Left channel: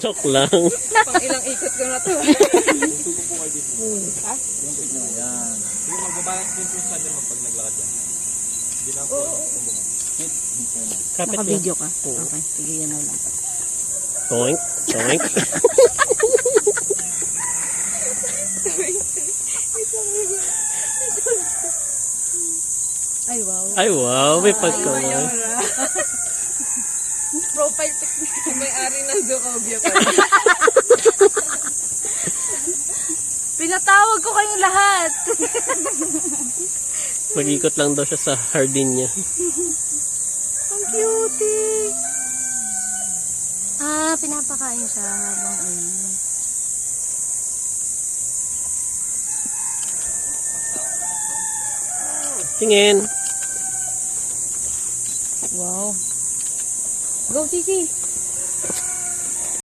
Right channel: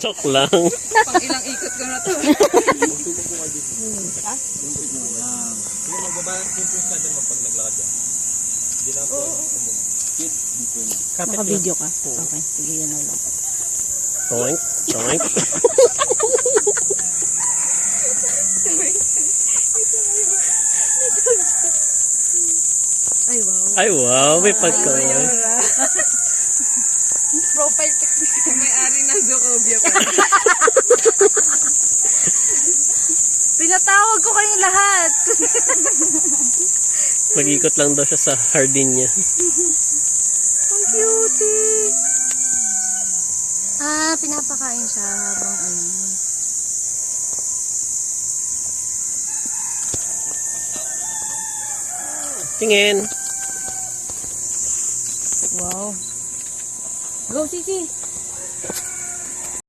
Joke lang. Pang ilang ikot ko na to. Ha? Yan. Sige, magbabalance din po sa kanila pag naglakad yan. Hindi lang po. Kapit Naka-video ka? Oo. Okay, sige yan lang. Toink, toink. Ay, wow. Ay wow, may pagkawan. Profile picture. May-ari ng Jokobia pa. Pinatawag ko kayong lahat. Mag-ikot lang daw siya sa hardin niya. Ang cutie. Ah, pinapakain siya habang ano. Tingin. Wow. Go, Kiki.